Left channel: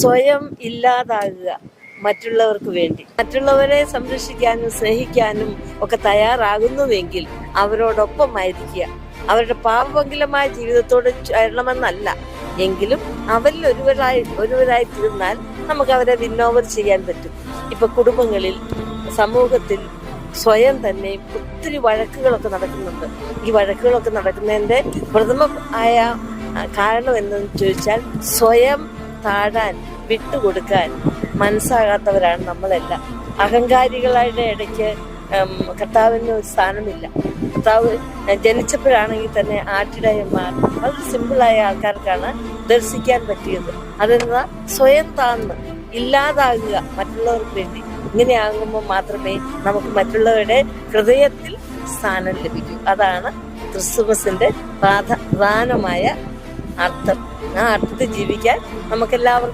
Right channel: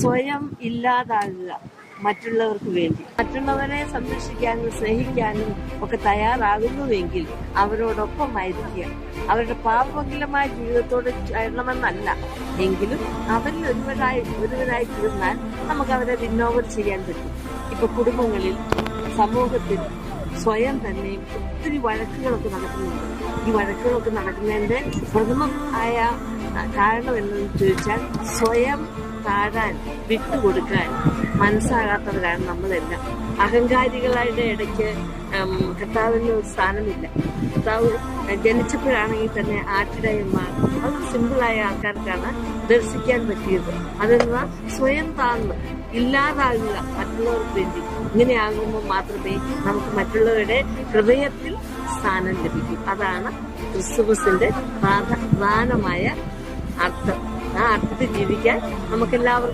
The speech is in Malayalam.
സ്വയം ഇല്ലാതാകുക മറ്റുള്ളവർക്ക് വേണ്ടി. മറ്റുള്ളവരെ സംരക്ഷിക്കാനും സ്നേഹിക്കാനും ഒക്കെ തയ്യാറാകുന്നുവെങ്കിൽ അവരോടൊപ്പമായിരിക്കുക. അവരുടെ പാപമംഗലമായ ജീവിതത്തോട് ചേരണമെന്നല്ല. എങ്കിലും അവരിൽ ഒരുവരായി ഒരുവരായി തീർന്നാൽ നമുക്ക് അവരെ വിന്നോവർ ചെയ്യാൻ പറ്റും. ഇപ്പൊ കുടുംബങ്ങളിൽ സമൂഹത്തിൽ സ്വയം തന്നെ ഒത്തിരി വഴക്കുകളൊക്കെ നടക്കുന്നുണ്ട്. ഈ വഴക്കുകളൊക്കെ നടക്കുന്നതിന്റെ പ്രഥമ ആയ കാരണം എന്തെന്ന് ചോദിച്ചാൽ സ്വയം താഴാൻ വിട്ടുകൊടുക്കാൻ മനസ്സാകാത്തവരാണ് നമ്മളെല്ലാം. അഹങ്കാരികളുടെ ഇടയ്ക്ക് കർത്താവിന് ഒരു സ്ഥാനമില്ല. കർത്താവ് ജനിച്ചപ്പോഴാണെങ്കിൽ തന്നെ ആട്ടിടയന്മാർ വളരെ സിമ്പിളായ ആൾക്കാർക്കാണ് ദർശിക്കാൻ പറ്റിയത്. അതെന്താ? സ്വയം താഴ്ന്ന് ഇല്ലാതാകുക മറ്റുള്ളവർക്ക് വേണ്ടി. ഇങ്ങനെയാകുമ്പോൾ മാത്രമേ നമുക്ക് മറ്റുള്ളവരുടെ ഹൃദയത്തിൽ സ്ഥാനം ലഭിക്കൂ. അതാണ് ക്രിസ്തുമസിന്റെ പ്രധാനമായ അർത്ഥം. ആ അർത്ഥത്തിൽ ജീവിക്കാൻ നമുക്കെല്ലാവർക്കും